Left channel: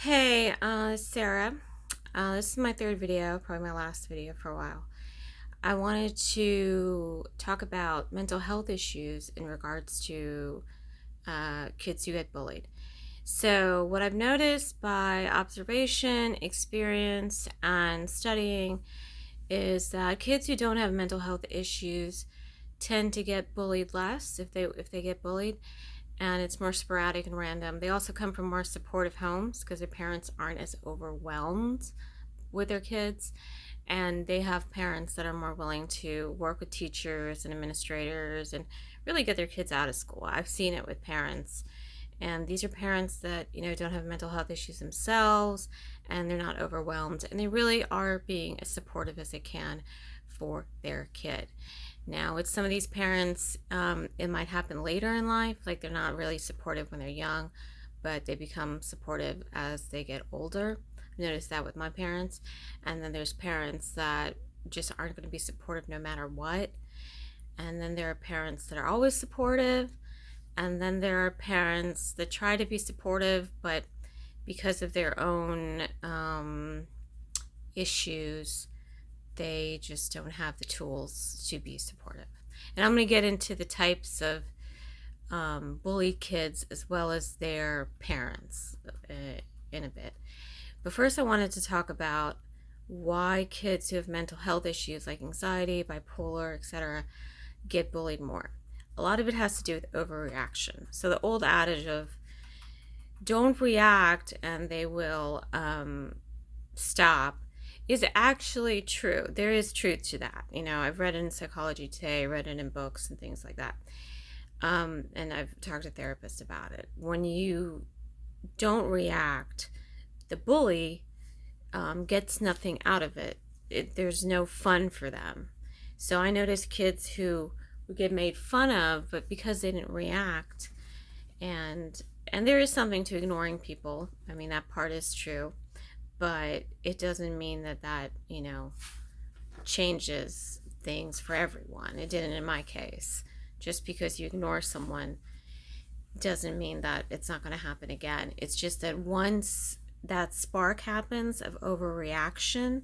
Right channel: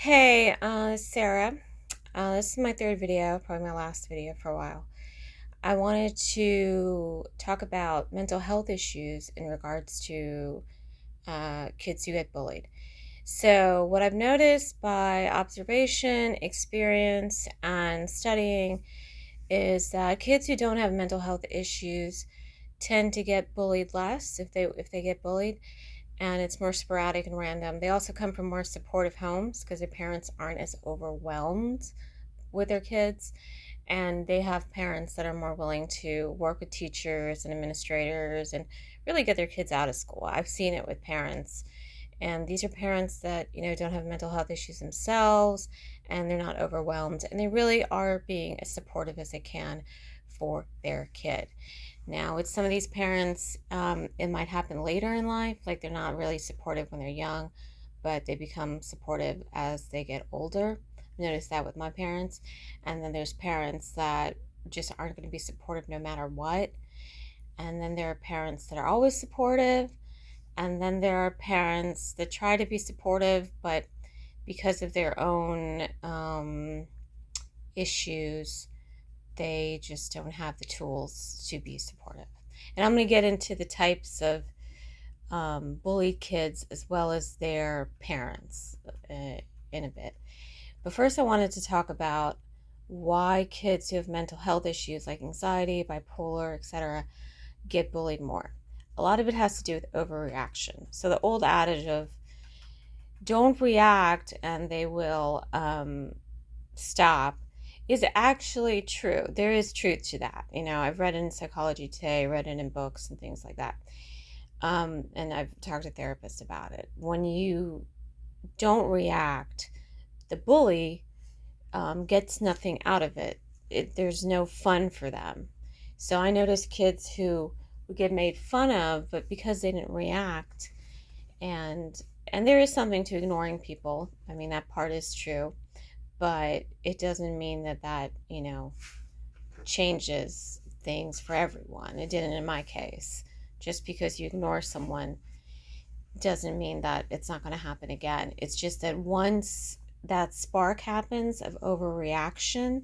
Hey, Sarah. This is my third video, probably my last video for a while. I wanted to talk about mental health issues in regards to kids who get bullied. So, what I've noticed by observation, experience, and studying is that kids who don't have mental health issues tend to get bullied less if they get bullied, and it's more sporadic and random. They also come from more supportive homes because their parents aren't as overwhelmed with their kids, and they have parents that are more willing to work with teachers and administrators and really get their kids out of school. I've seen it with parents, and these are parents that don't have mental health issues themselves, and they're not overwhelmed, and they really are being as supportive as they can for their kid. Now, with some of these parents, it might happen later in life, like they're not really supportive when they're young, but they become supportive as they get older. I noticed that with my parents. And then there's parents that just aren't going to be supportive no matter what. And then there are parents that are always supportive. And then there are parents that try to be supportive, but because of their own issues, they just don't have the tools to be supportive. And I'm going to get into the types of bullied kids as well as their parents in a bit. But first, I wanted to talk about why kids who have mental health issues like anxiety, bipolar, etc., get bullied more. A lot of it has to do with overreaction. So, the old adage of don't react and they will stop is actually true. There is truth to that. I've read it in Psychology Today, read it in books and things like that. And I've talked to therapists about it. When you don't react, the bully gets nothing out of it. There's no fun for them. So I notice kids who get made fun of, but because they didn't react, and there is something to ignoring people. I mean, that part is true, but it doesn't mean that changes things for everyone. It didn't in my case. Just because you ignore someone doesn't mean that it's not going to happen again. It's just that once that spark happens of overreaction,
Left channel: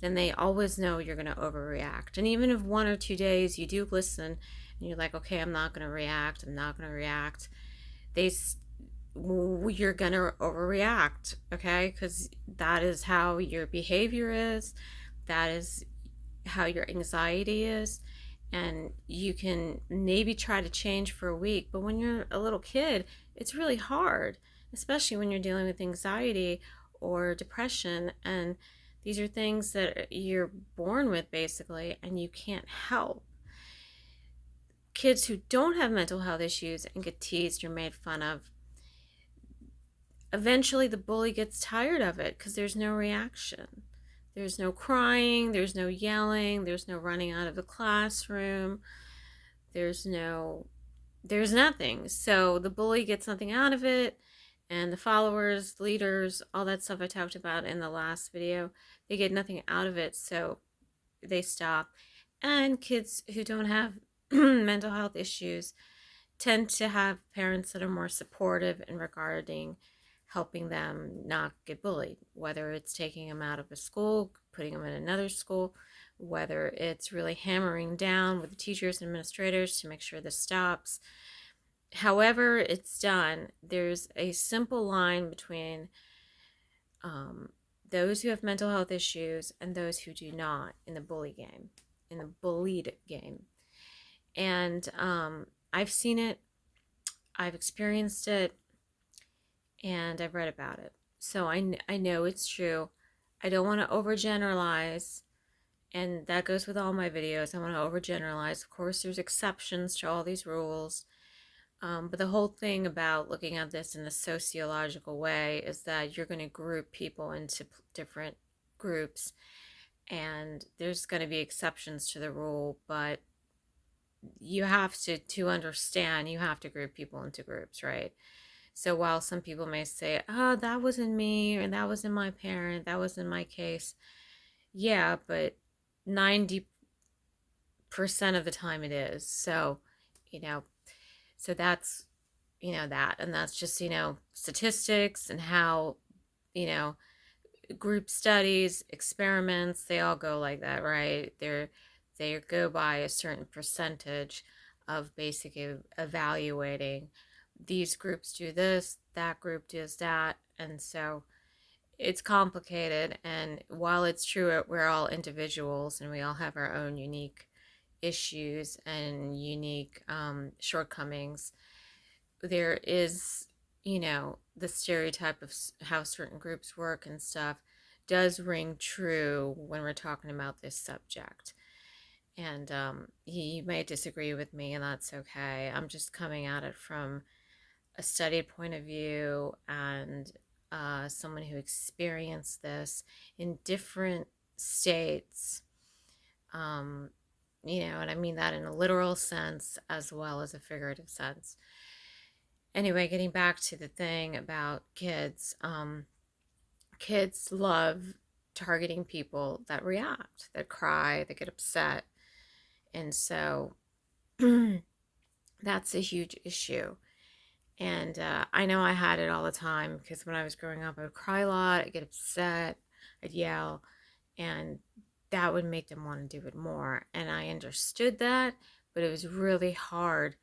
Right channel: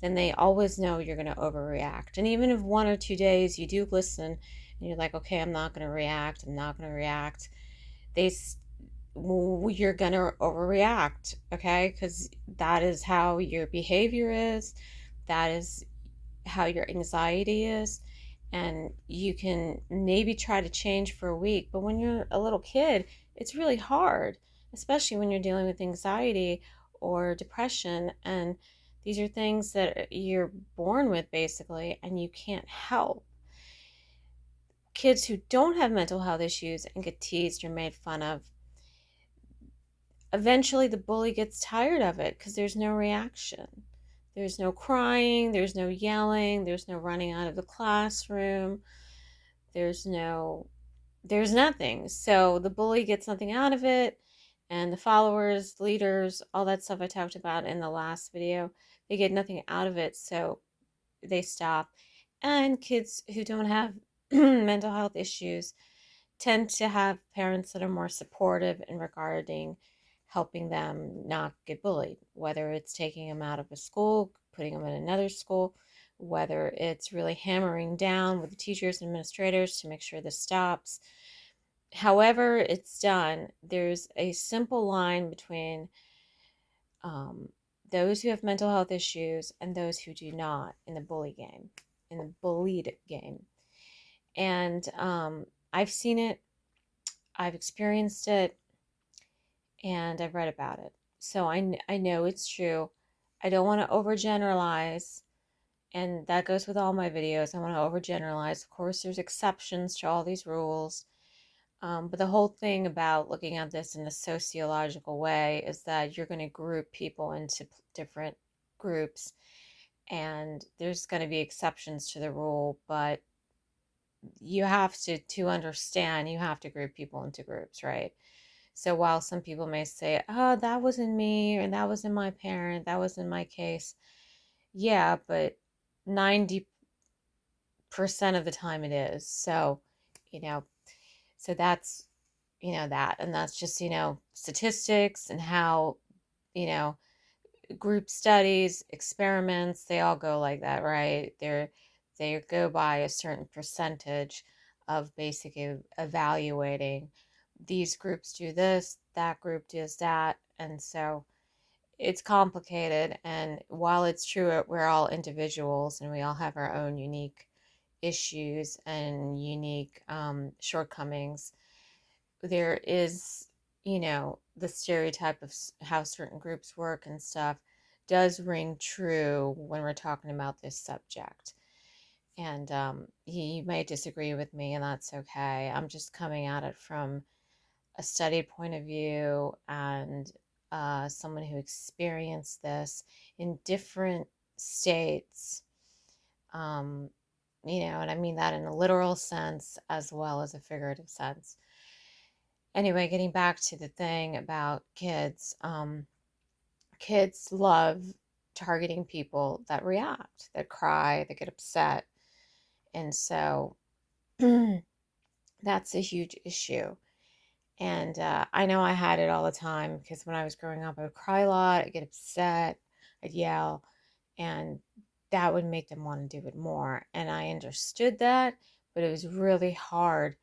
then they always know you're going to overreact. And even if 1 or 2 days you do listen and you're like, okay, I'm not going to react, I'm not going to react, they you're going to overreact, okay? Because that is how your behavior is, that is how your anxiety is, and you can maybe try to change for a week, but when you're a little kid, it's really hard, especially when you're dealing with anxiety or depression, and these are things that you're born with basically, and you can't help. Kids who don't have mental health issues and get teased or made fun of, eventually the bully gets tired of it because there's no reaction. There's no crying, there's no yelling, there's no running out of the classroom, there's nothing. So the bully gets nothing out of it, and the followers, leaders, all that stuff I talked about in the last video, they get nothing out of it, so they stop. And kids who don't have mental health issues tend to have parents that are more supportive in regarding helping them not get bullied, whether it's taking them out of a school, putting them in another school, whether it's really hammering down with the teachers and administrators to make sure this stops. However it's done, there's a simple line between those who have mental health issues and those who do not in the bullied game. And I've seen it, I've experienced it, and I've read about it. So I know it's true. I don't want to overgeneralize, and that goes with all my videos. I want to overgeneralize. Of course, there's exceptions to all these rules. But the whole thing about looking at this in a sociological way is that you're going to group people into different groups, and there's going to be exceptions to the rule, but you have to understand, you have to group people into groups, right? So while some people may say, oh, that wasn't me, or that wasn't my parent, that wasn't my case, yeah, but 90% of the time it is. So, you know, so that's, that, and that's just, statistics and how you know, group studies, experiments, they all go like that, right? They go by a certain percentage of basically evaluating these groups do this, that group does that, and so it's complicated. And while it's true we're all individuals and we all have our own unique issues and unique shortcomings, there is, the stereotype of how certain groups work and stuff does ring true when we're talking about this subject. And you may disagree with me, and that's okay. I'm just coming at it from a study point of view and someone who experienced this in different states. Um, and I mean that in a literal sense as well as a figurative sense. Anyway, getting back to the thing about kids, kids love targeting people that react, that cry, that get upset. And so that's a huge issue. And I know I had it all the time because when I was growing up, I would cry a lot, I'd get upset, I'd yell, and that would make them want to do it more. And I understood that, but it was really hard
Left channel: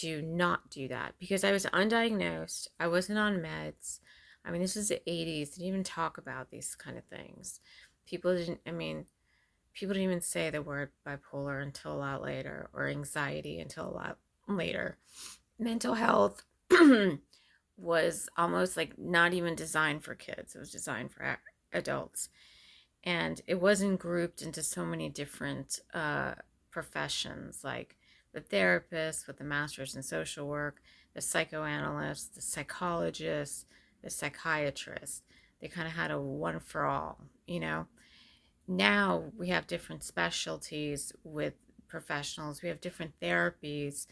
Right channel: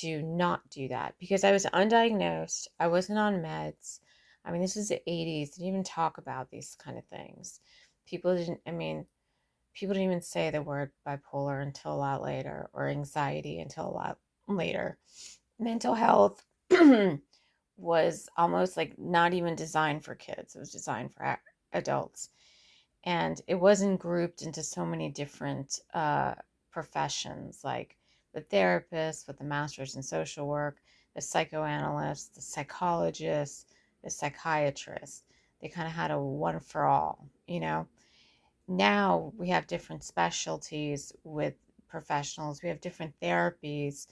to not do that because I was undiagnosed. I wasn't on meds. I mean, this is the 80s. Didn't even talk about these kind of things. People didn't even say the word bipolar until a lot later, or anxiety until a lot later. Mental health was almost like not even designed for kids. It was designed for adults. And it wasn't grouped into so many different professions, like the therapist with the master's in social work, the psychoanalyst, the psychologist, the psychiatrist. They kind of had a one for all, Now we have different specialties with professionals. We have different therapies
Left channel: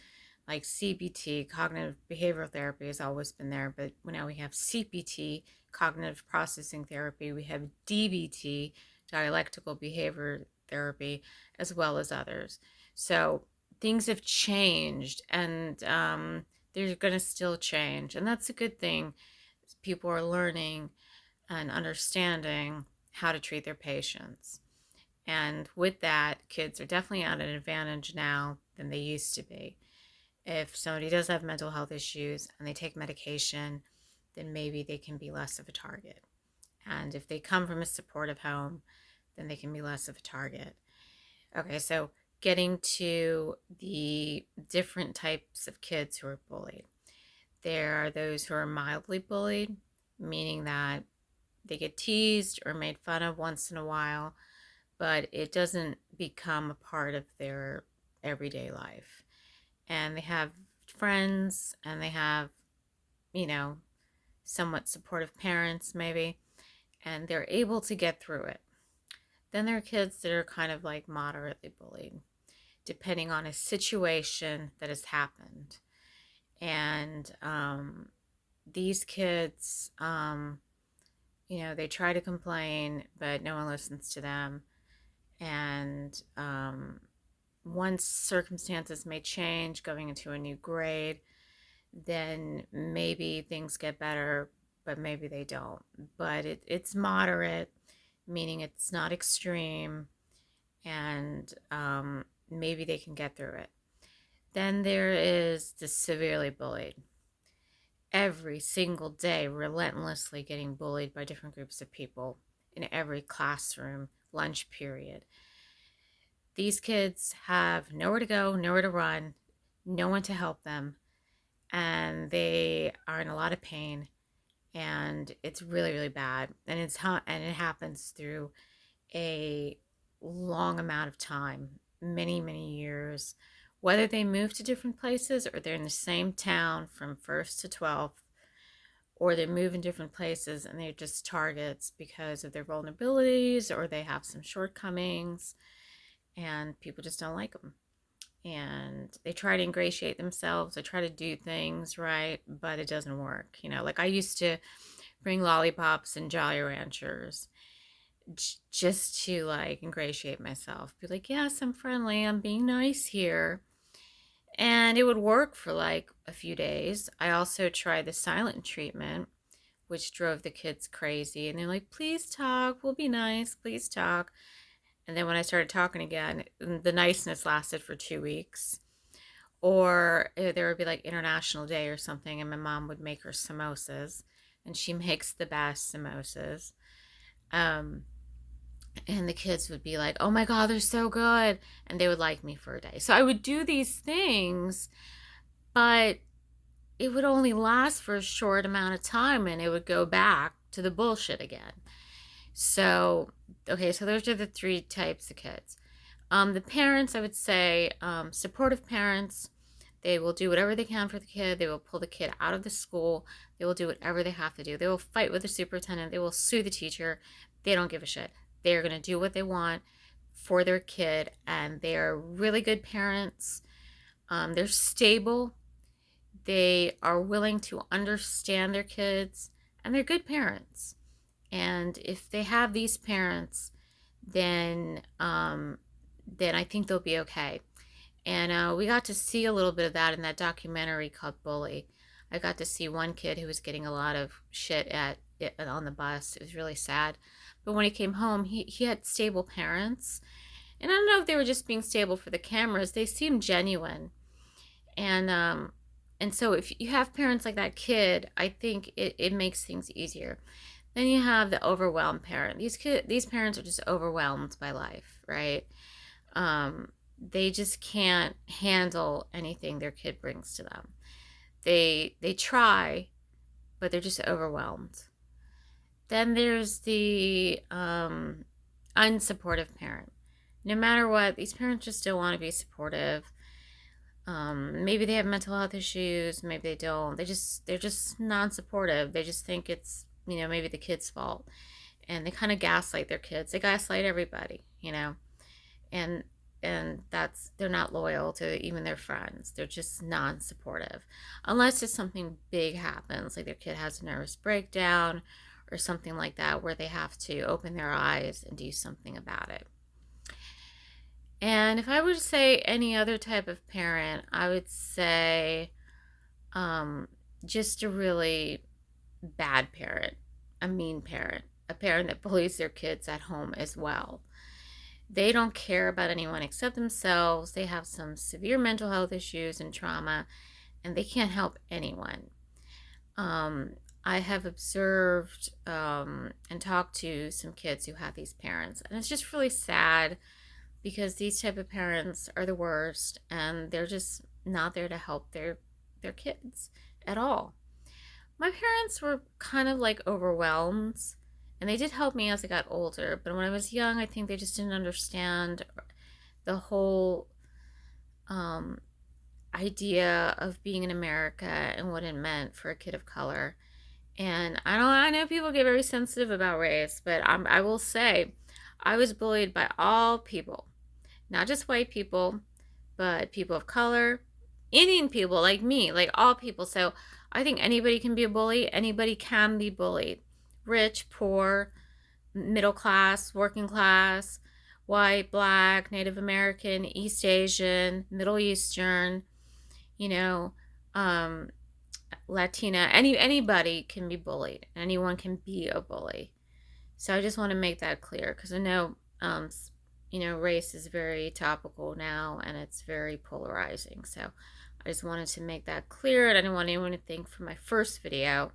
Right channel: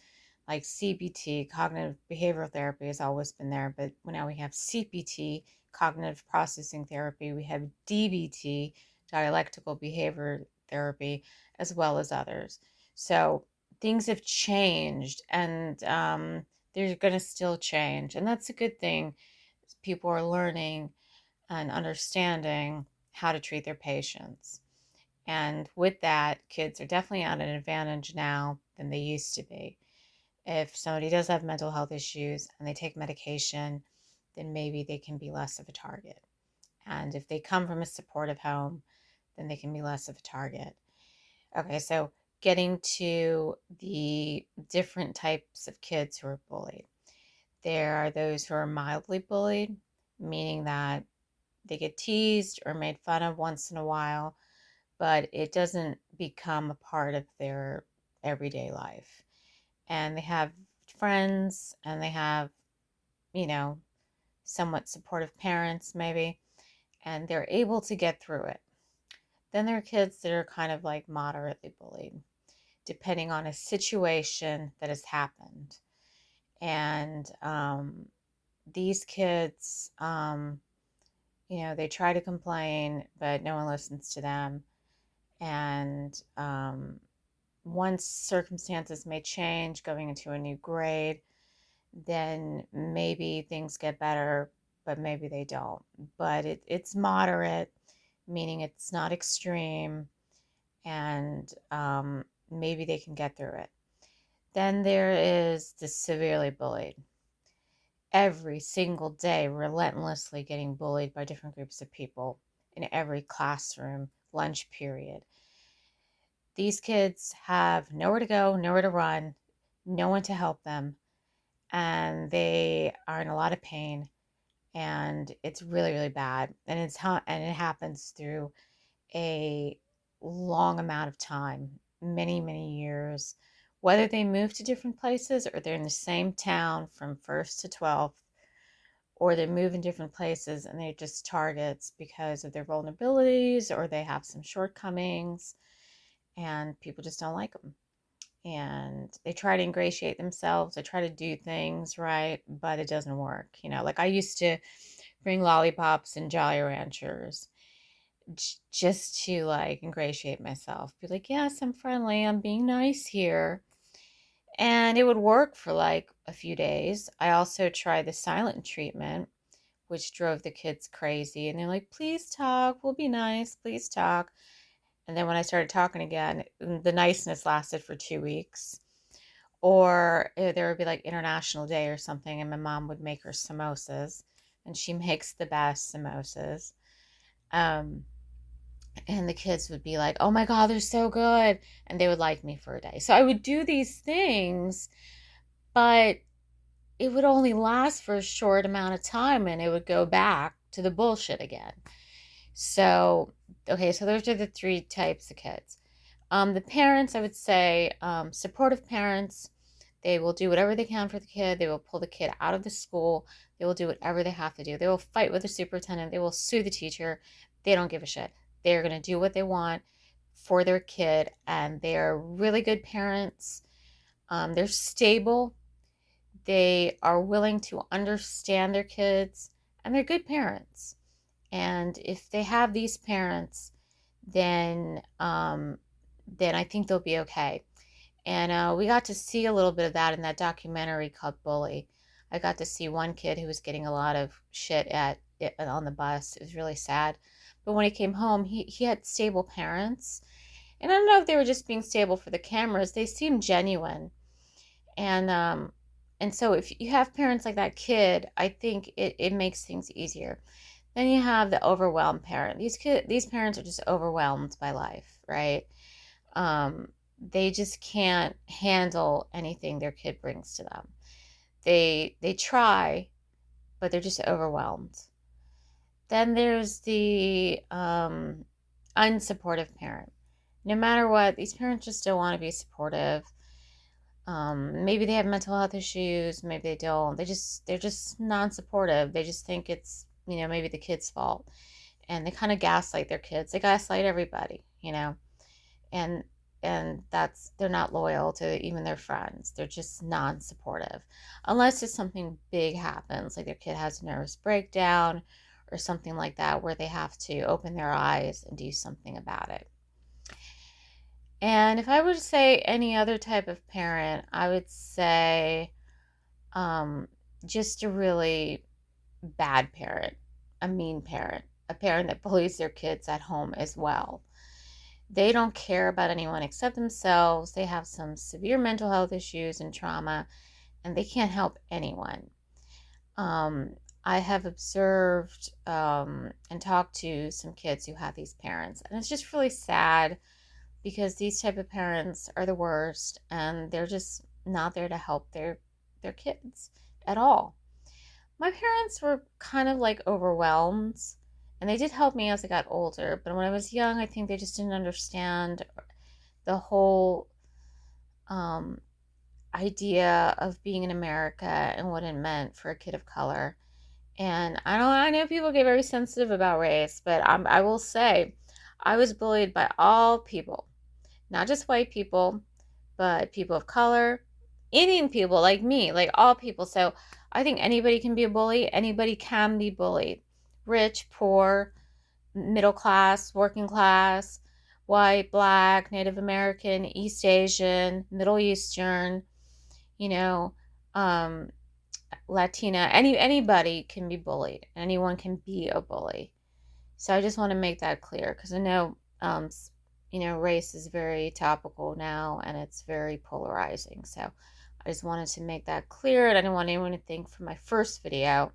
like CBT, cognitive behavioral therapy, has always been there, but now we have CPT, cognitive processing therapy. We have DBT, dialectical behavior therapy, as well as others. So things have changed, and they're going to still change, and that's a good thing. People are learning and understanding how to treat their patients. And with that, kids are definitely at an advantage now than they used to be. If somebody does have mental health issues and they take medication, then maybe they can be less of a target. And if they come from a supportive home, then they can be less of a target. Okay, so getting to the different types of kids who are bullied. There are those who are mildly bullied, meaning that they get teased or made fun of once in a while, but it doesn't become a part of their everyday life. And they have friends and they have, you know, somewhat supportive parents, maybe, and they're able to get through it. Then there are kids that are kind of like moderately bullied, depending on a situation that has happened. And these kids, they try to complain, but no one listens to them. And once circumstances may change, going into a new grade, then maybe things get better, but maybe they don't. But it's moderate, meaning it's not extreme, and maybe they can get through it. Then there is the severely bullied. Every single day, relentlessly getting bullied by different groups of people in every classroom, lunch period. These kids have nowhere to go, nowhere to run, no one to help them, and they are in a lot of pain, and it's really, really bad. And it happens through a long amount of time, many, many years. Whether they move to different places or they're in the same town from first to 12th, or they move in different places and they're just targets because of their vulnerabilities or they have some shortcomings and people just don't like them. And they try to ingratiate themselves, they try to do things right, but it doesn't work. Like I used to bring lollipops and Jolly Ranchers just to like ingratiate myself, be like, yes, I'm friendly, I'm being nice here. And it would work for like a few days. I also tried the silent treatment, which drove the kids crazy. And they're like, please talk, we'll be nice, please talk. And then when I started talking again, the niceness lasted for 2 weeks. Or there would be like International Day or something, and my mom would make her samosas, and she makes the best samosas. Um, and the kids would be like, "Oh my God, they're so good," and they would like me for a day. So I would do these things, but it would only last for a short amount of time, and it would go back to the bullshit again. So, okay, so those are the three types of kids. The parents, I would say, supportive parents. They will do whatever they can for the kid. They will pull the kid out of the school. They will do whatever they have to do. They will fight with the superintendent. They will sue the teacher. They don't give a shit. They're going to do what they want for their kid, and they're really good parents. They're stable. They are willing to understand their kids, and they're good parents. And if they have these parents, then then I think they'll be okay. And we got to see a little bit of that in that documentary called Bully. I got to see one kid who was getting a lot of shit at it on the bus. It was really sad. But when he came home, he had stable parents. And I don't know if they were just being stable for the cameras. They seemed genuine. And and so if you have parents like that kid, I think it makes things easier. Then you have the overwhelmed parent. These parents are just overwhelmed by life, right? They just can't handle anything their kid brings to them. They try, but they're just overwhelmed. Then there's the unsupportive parent. No matter what, these parents just don't want to be supportive. Maybe they have mental health issues, maybe they don't. They're just non-supportive. They just think it's, maybe the kid's fault. And they kind of gaslight their kids. They gaslight everybody. And that's they're not loyal to even their friends. They're just non-supportive. Unless it's something big happens, like their kid has a nervous breakdown or something like that where they have to open their eyes and do something about it. And if I would say any other type of parent, I would say um, just a really bad parent, a mean parent, a parent that bullies their kids at home as well. They don't care about anyone except themselves. They have some severe mental health issues and trauma, and they can't help anyone. Um, I have observed and talked to some kids who have these parents, and it's just really sad because these type of parents are the worst, and they're just not there to help their kids at all. My parents were kind of like overwhelmed, and they did help me as I got older, but when I was young, I think they just didn't understand the whole um, idea of being in America and what it meant for a kid of color. And I know people get very sensitive about race, but I will say I was bullied by all people, not just white people, but people of color, Indian people like me, like all people. So I think anybody can be a bully. Anybody can be bullied. Rich, poor, middle class, working class, white, black, Native American, East Asian, Middle Eastern, you know, um, Latina. Anybody can be bullied. Anyone can be a bully. So I just want to make that clear because I know, race is very topical now and it's very polarizing. So I just wanted to make that clear, and I didn't want anyone to think from my first video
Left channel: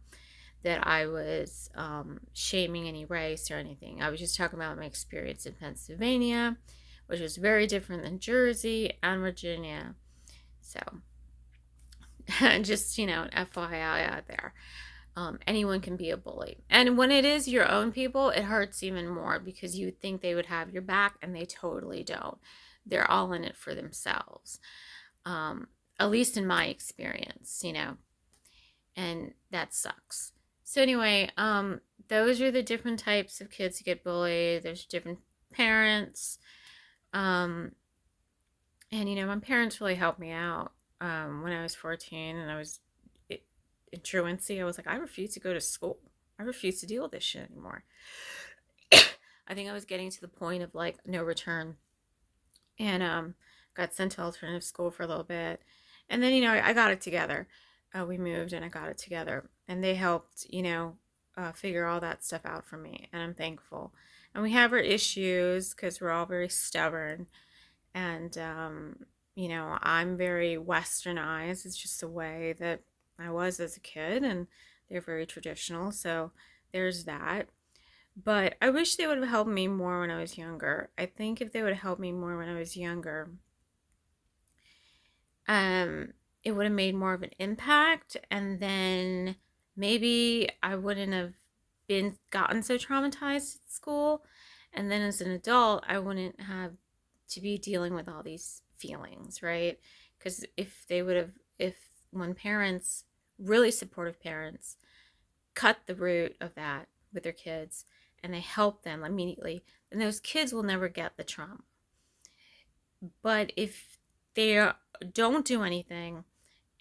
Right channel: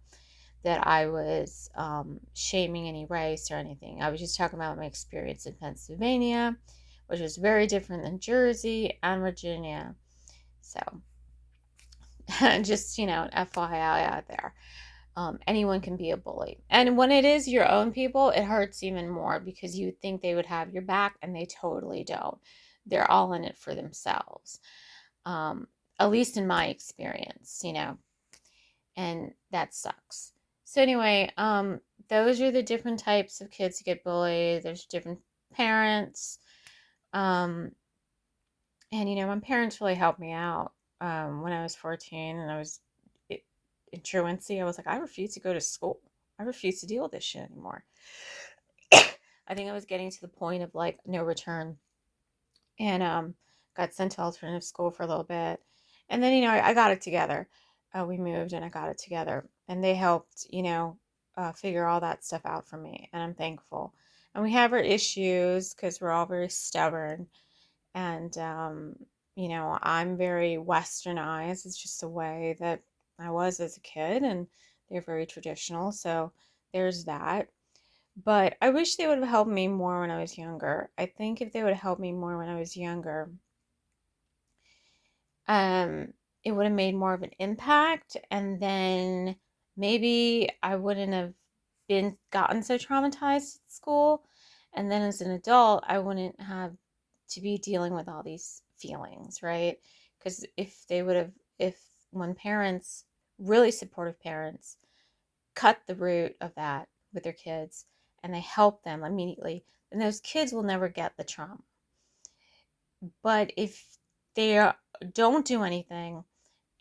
that I was shaming any race or anything. I was just talking about my experience in Pennsylvania, which was very different than Jersey and Virginia. So just, FYI out there. Anyone can be a bully. And when it is your own people, it hurts even more because you would think they would have your back, and they totally don't. They're all in it for themselves. At least in my experience. And that sucks. So anyway, those are the different types of kids who get bullied. There's different parents. And my parents really helped me out when I was 14 and I was in truancy. I was like, I refuse to go to school. I refuse to deal with this shit anymore. I think I was getting to the point of like no return, and got sent to alternative school for a little bit, and then I got it together. We moved and I got it together, and they helped figure all that stuff out for me, and I'm thankful. And we have our issues because we're all very stubborn, and I'm very westernized. It's just the way that I was as a kid, and they're very traditional, so there's that. But I wish they would have helped me more when I was younger. I think if they would have helped me more when I was younger, um, it would have made more of an impact, and then maybe I wouldn't have been gotten so traumatized at school, and then as an adult, I wouldn't have to be dealing with all these feelings, right? Because if when parents, really supportive parents, cut the root of that with their kids and they help them immediately, then those kids will never get the trauma. But if they don't do anything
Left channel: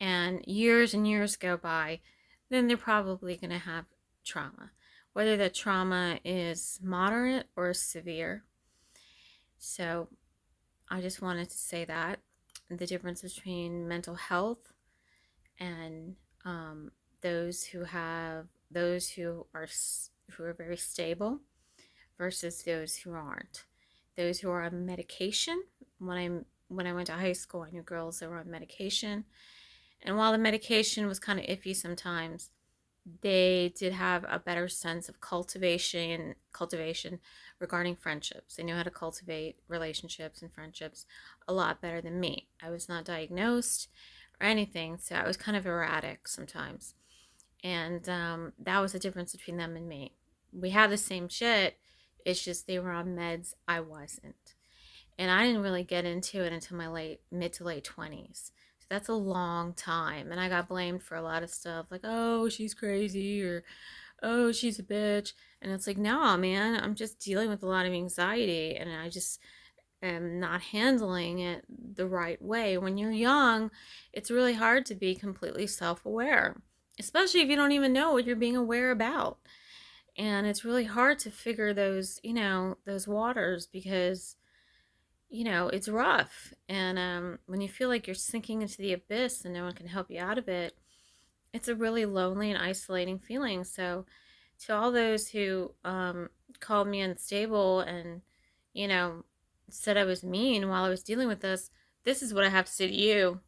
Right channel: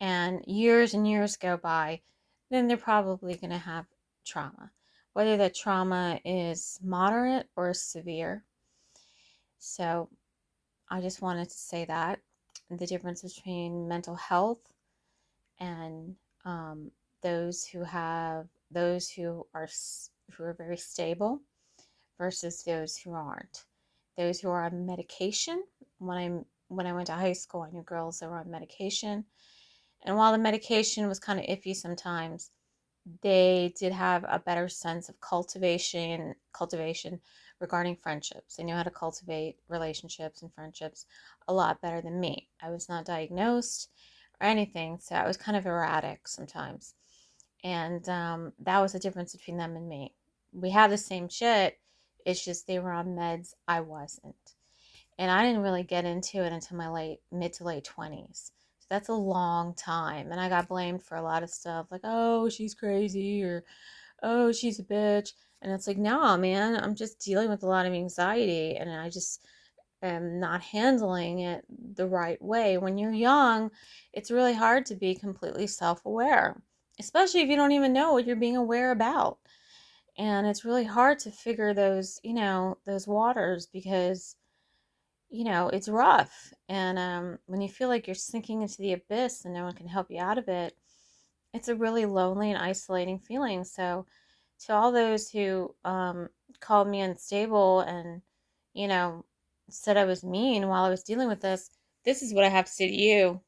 and years go by, then they're probably going to have trauma, whether that trauma is moderate or severe. So I just wanted to say that the difference between mental health and those who are very stable versus those who aren't. Those who are on medication. When I went to high school, I knew girls that were on medication, and while the medication was kind of iffy sometimes, they did have a better sense of cultivation regarding friendships. They knew how to cultivate relationships and friendships a lot better than me. I was not diagnosed or anything, so I was kind of erratic sometimes. And that was the difference between them and me. We had the same shit, it's just they were on meds, I wasn't. And I didn't really get into it until my mid to late 20s. So that's a long time. And I got blamed for a lot of stuff like, oh, she's crazy, or oh, she's a bitch. And it's like, nah, man, I'm just dealing with a lot of anxiety, and I just am not handling it the right way. When you're young, it's really hard to be completely self aware, especially if you don't even know what you're being aware about. And it's really hard to figure those waters because it's rough. And when you feel like you're sinking into the abyss and no one can help you out of it, it's a really lonely and isolating feeling. So, to all those who called me unstable and, you know, said I was mean while I was dealing with this is what I have to say to you.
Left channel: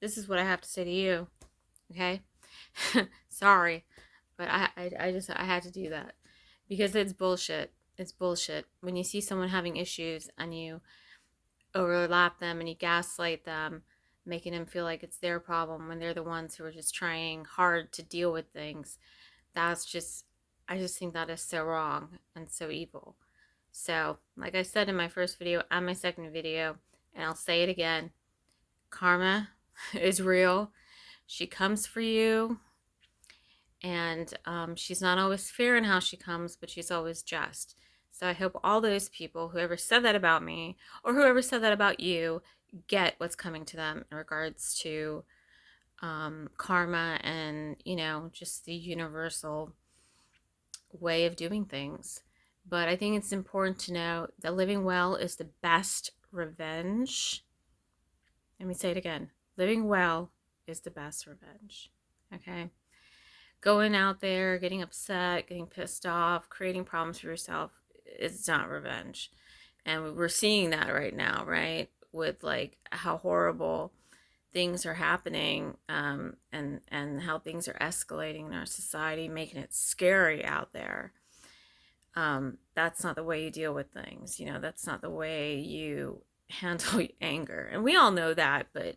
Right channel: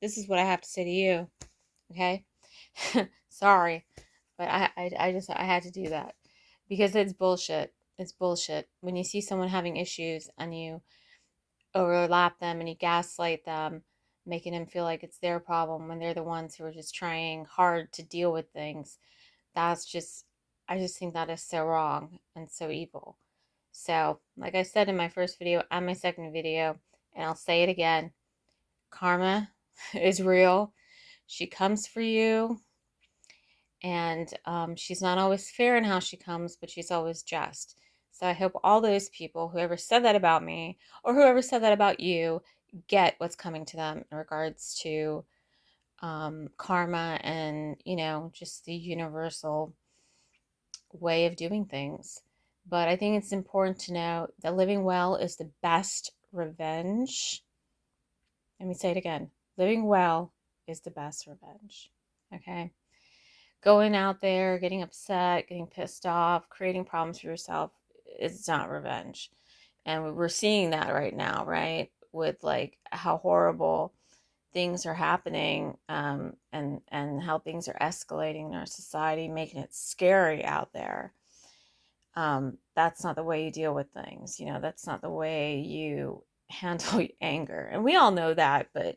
This is what I have to say to you. Okay? Sorry, but I had to do that because it's bullshit. It's bullshit. When you see someone having issues and you overlap them and you gaslight them, making them feel like it's their problem when they're the ones who are just trying hard to deal with things. That's just, I just think that is so wrong and so evil. So, like I said in my first video and my second video, and I'll say it again, karma is real. She comes for you, and she's not always fair in how she comes, but she's always just. So I hope all those people, whoever said that about me or whoever said that about you, get what's coming to them in regards to karma and, just the universal way of doing things. But I think it's important to know that living well is the best revenge. Let me say it again. Living well is the best revenge. Okay? Going out there, getting upset, getting pissed off, creating problems for yourself is not revenge. And we're seeing that right now, right? With like how horrible things are happening, and how things are escalating in our society, making it scary out there. That's not the way you deal with things. That's not the way you handle anger. And we all know that, but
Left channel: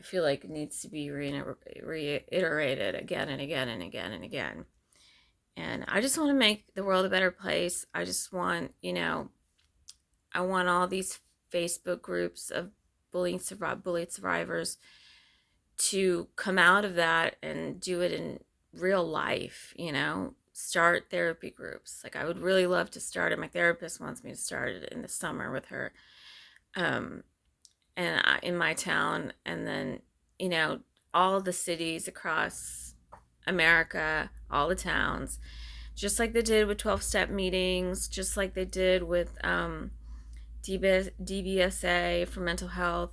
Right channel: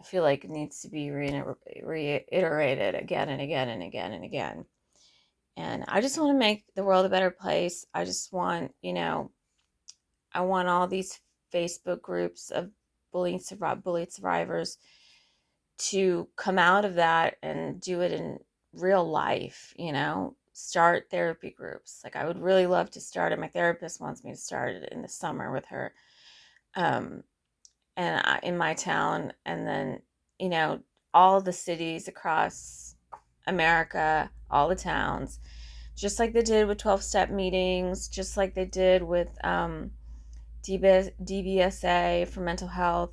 I feel like it needs to be reiterated again and again and again and again. And I just want to make the world a better place. I just want, I want all these Facebook groups of bullied survivors to come out of that and do it in real life, start therapy groups. Like I would really love to start it. My therapist wants me to start it in the summer with her. And in my town, and then all the cities across America, all the towns, just like they did with 12-step meetings, just like they did with DBSA for mental health.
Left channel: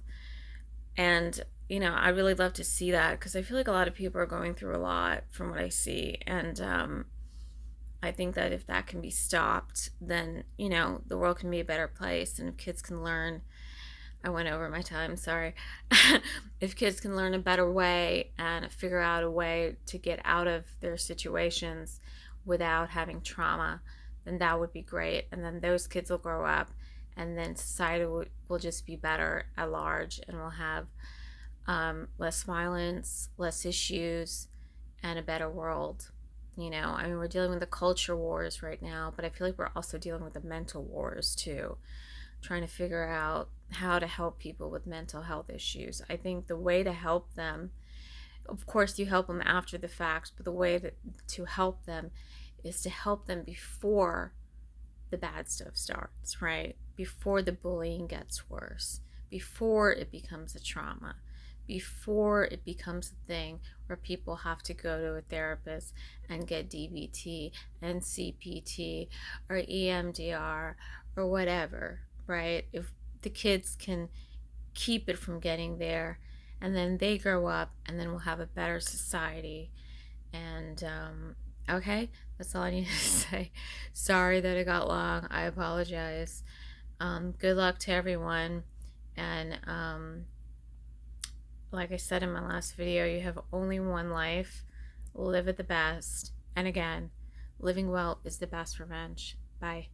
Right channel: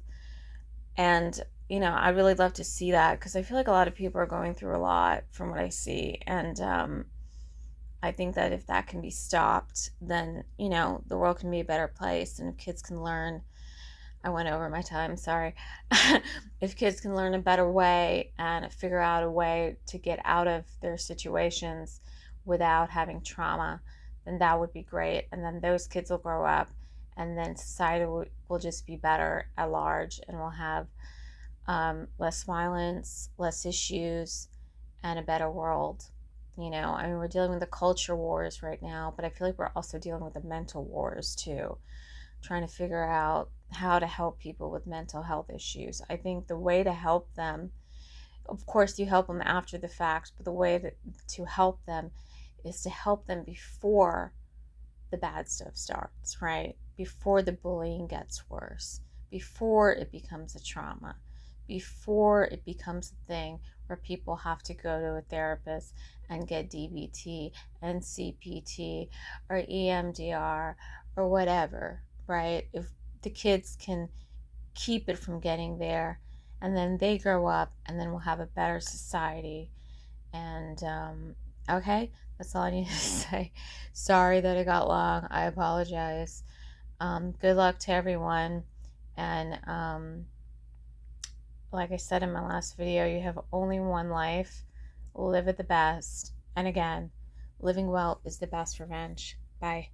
And I really love to see that because I feel like a lot of people are going through a lot from what I see. And I think that if that can be stopped, then, you know, the world can be a better place. And if kids can learn, I went over my time, sorry. If kids can learn a better way and figure out a way to get out of their situations without having trauma, then that would be great. And then those kids will grow up, and then society will just be better at large, and we'll have less violence, less issues, and a better world. You know, I mean, we're dealing with the culture wars right now, but I feel like we're also dealing with the mental wars too, trying to figure out how to help people with mental health issues. I think the way to help them, of course, you help them after the fact, but the way to help them is to help them before the bad stuff starts, right? Before the bullying gets worse, before it becomes a trauma, before it becomes a thing where people have to go to a therapist and get DBT and CPT or EMDR or whatever, right? If the kids can keep it from getting there, and then they grow up, and then we'll have a better society. And okay, that's all I need to say. Sorry that it got long. I apologize. Good luck to everyone. And like I said in my last video, you have only one life. Live it the best. And again, living well is the best revenge. Bye.